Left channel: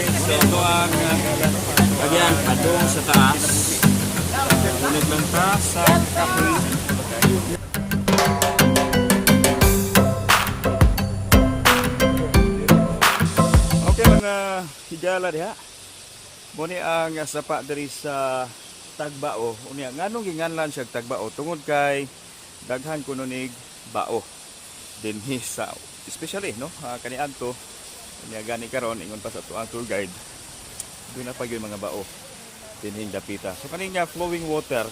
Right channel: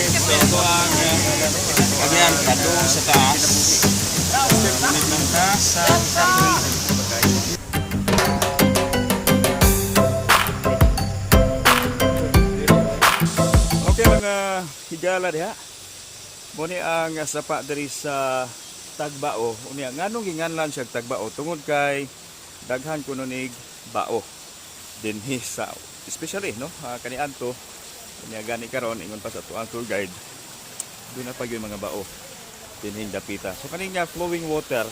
So ito ang again, padung sa taas. Ngunit lang ta sa kahoy. Okay mga higala diha. Muni ang sapa diri sa Tagbao. Unya nganong ginganlan siya Tagbao tungod kay daghan kuno nig bao dinhi sa especially no kaniadto unya gani karon ingon pa sa tuang tour guide doon na pag yung mga bao dinhi dapita. So kaning nga flowing water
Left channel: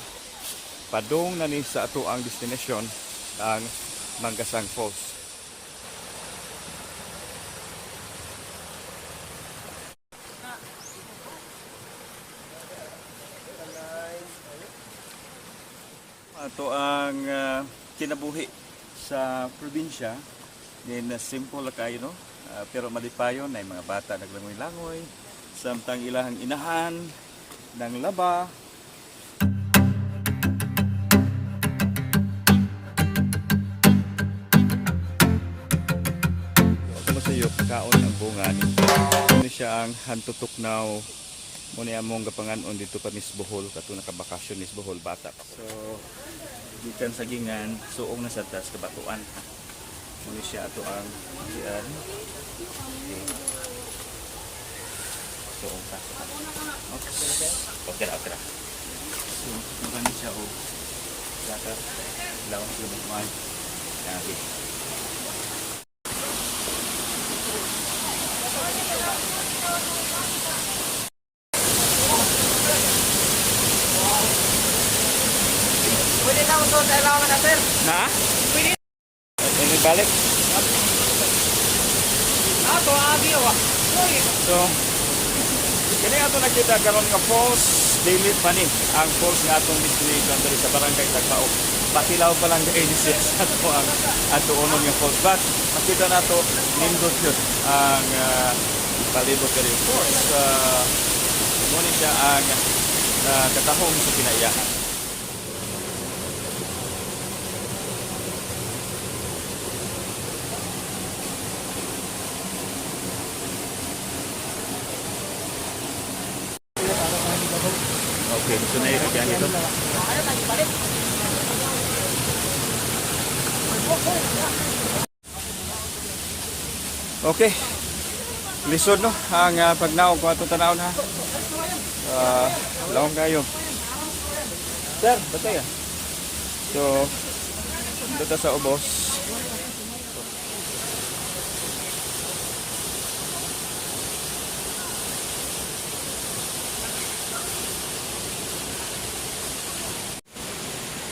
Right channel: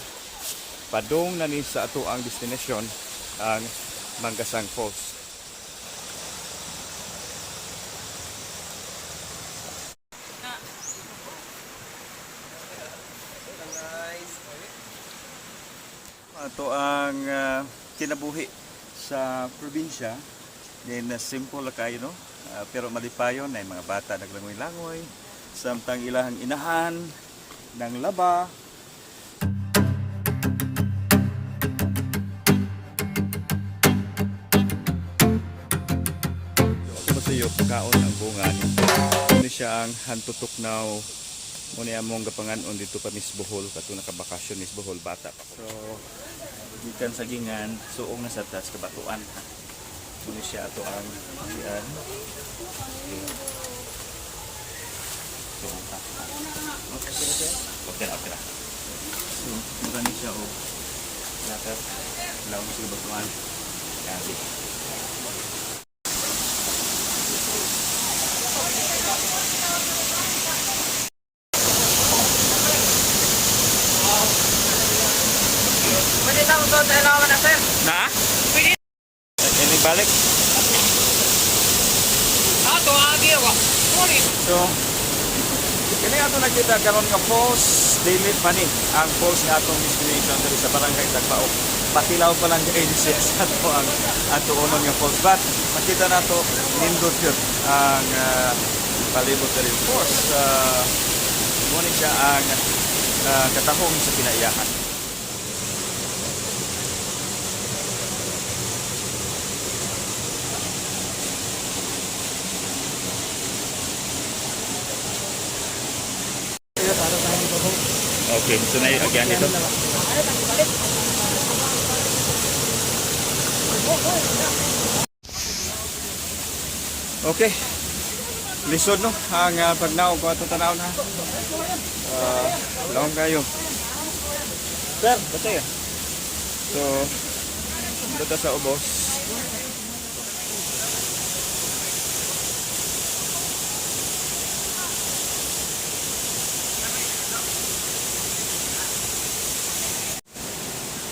padung na ni sa ato ang destination ang Manggasang Falls. Ito ang kinabuhi sa probinsya. Din simple kayo no. Pero malipayon na mga bata naglangoy-langoy samtang ilahang inahan ng laba. Ito ba sa iyo pagkaon ang bungan. Ano siya ang hantutuknaw muna among gapanganon dito pa Miss Bohol kato nakabakasyon Miss Bohol bata pa. So gikan sa gingan suong na sa tas kabatuan. Muna siya ato ang sian. Okay. Okay. So magani siya o data lawan sa batuan. Lagi. Pwede lang ito sa ilawan na sir. Na? Ini balik. Tuwagi ako. So, kini ato nakita karon nga falls daily pani ang falls nga atong destination diri sa barangay Tagbao. Patilaw pa lang kay siya sa ato ang ato unon nga falls. But makita nato nindot yun ang palibot diri falls. Ngunit siya ang katahong sa pinaiyahan. Okay, so na again dito. Okay. Lisod no ang pagnaw ko ato tanaw na. Laong kayo. Sir, batay. So, dito sa ubos.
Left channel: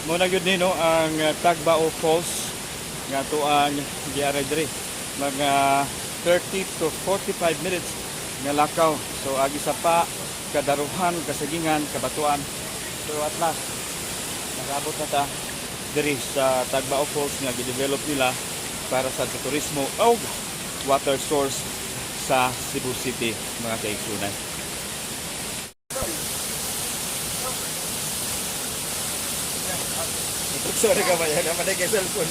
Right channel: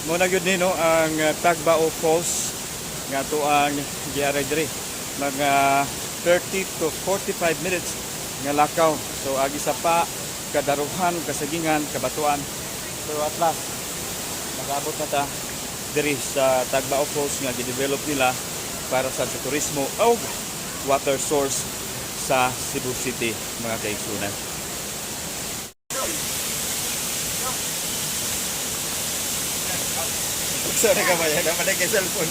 Muna gyud ni no ang Tagbao Falls nga to ang giaray diri mga 30 to 45 minutes nga lakaw. So agi sa pa kadaruhan kasagingan kabatuan. So at last nagabot na ta diri sa Tagbao Falls nga gi-develop nila para sa turismo o water source sa Cebu City mga kaigsunan. Sorry ka ba yan? Naman ay cellphone.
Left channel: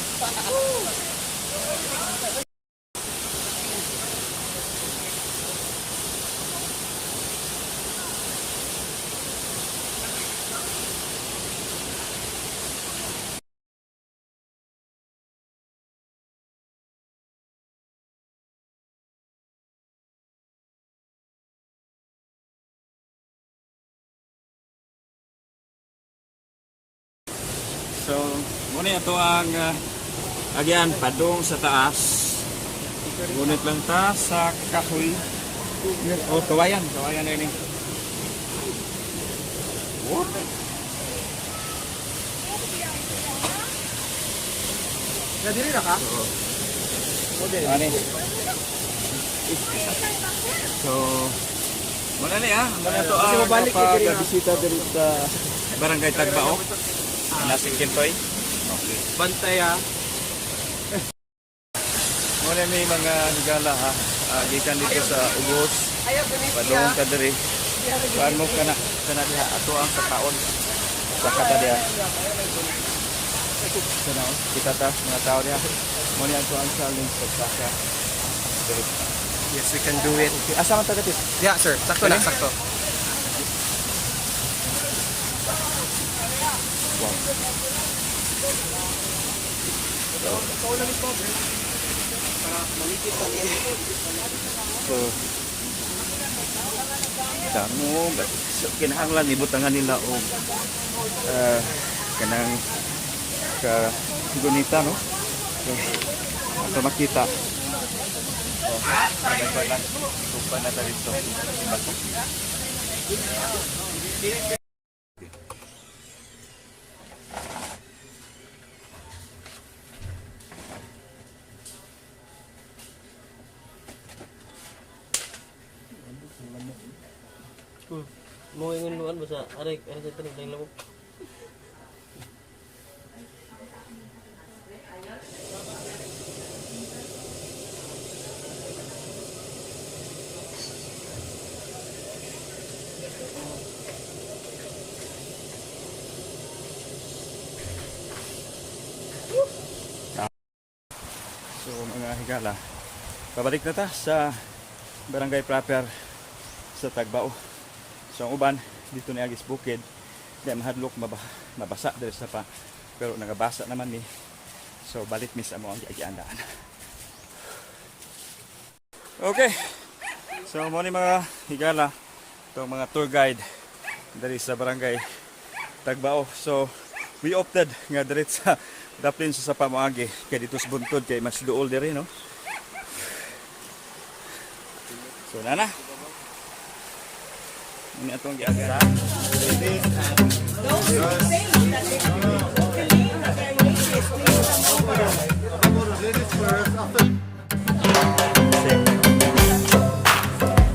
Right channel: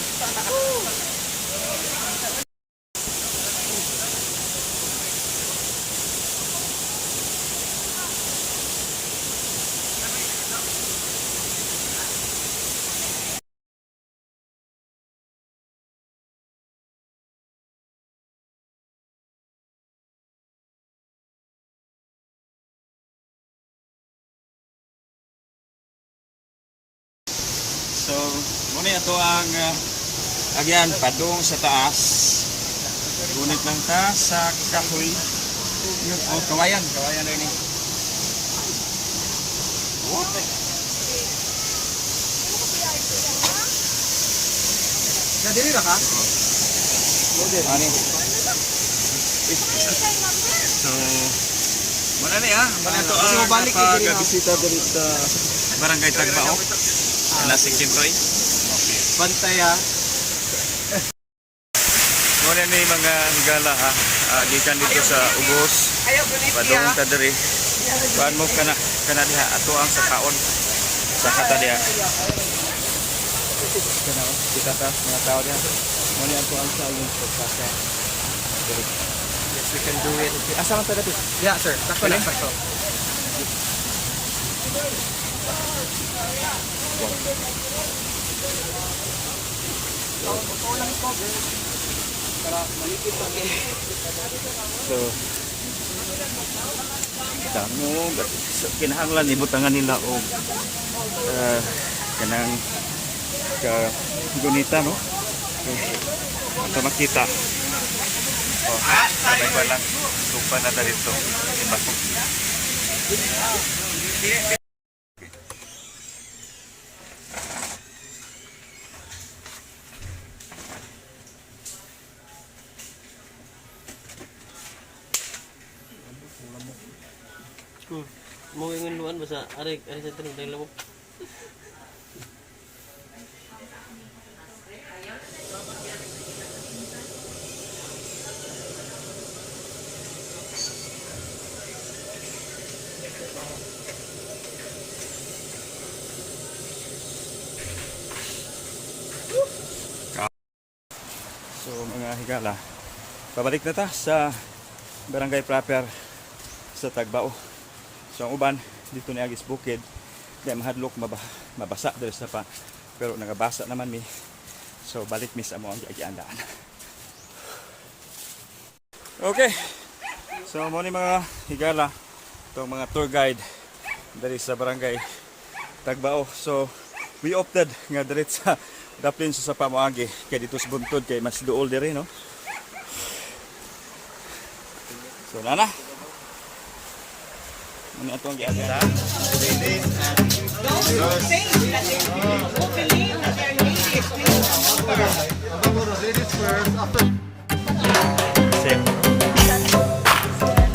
So, muna ito ang again, padung sa taas. Ngunit lang ta sa kahoy. O, kawayan. Kawayan na yun eh. What? Nadiri na ka? Ani. So, muna na ya. Muna ito ang pag-bisita dito sa Barangay Tagbao. Nasa Kintoy. Okay. Bantay ha. Muna ni mga higala ha. Gikan dito sa Ubos. Padung ta diri. Kuan mo kana diha ato ang sa kaon. Sa kata diha. Kita ta mga tao diha. Muna ato ang challenge pagsaka. Diri. we can do it. Asa man ta dapit? Yeah, sir. Sakto lang, sakto. So, damo so, kinahanglan ibutangan nila og kanang ka gunita no. So, ato makita. Oh, may walang supa na dito. Diba? Mau ingin luan basa arek sa tanong tayong lamok. So mga higala, pabalik na ta sa barangay proper sa Tagbao. So ang uban dito ni Agis Bukid, di mahadlok mabasa diri sa pa, pero nagabasa naman mi. So balik mi sa mo ang giandaan. Okay. So mo ni mga higala, itong mga tour guide diri sa barangay Tagbao. So we opted nga diri sa daplin sa sapa moagi kay dito sa buntod kay mas duol diri no. So nana. Muni atong giagda.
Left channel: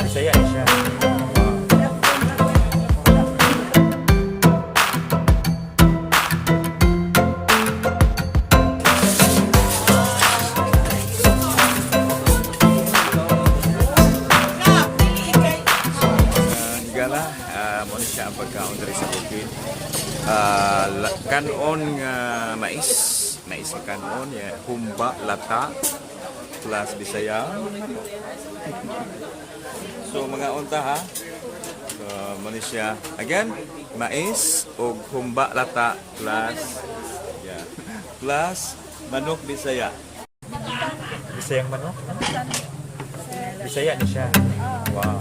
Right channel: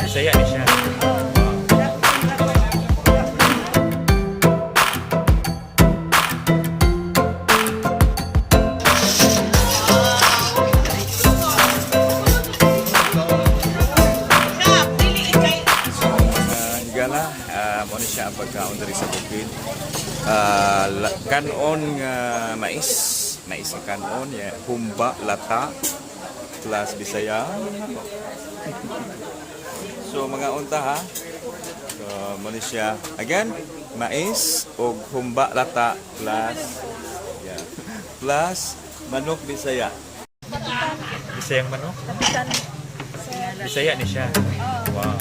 Saya ni siya. Mo ni siya ang pagkaon diri sa bukid. Kanon nga mais na kanon ya, humba lata plus Bisaya. So mga unta ha. So mo ni siya again mais og humba lata plus plus manok Bisaya. Bisayang manok? Bisaya ni siya. Wow.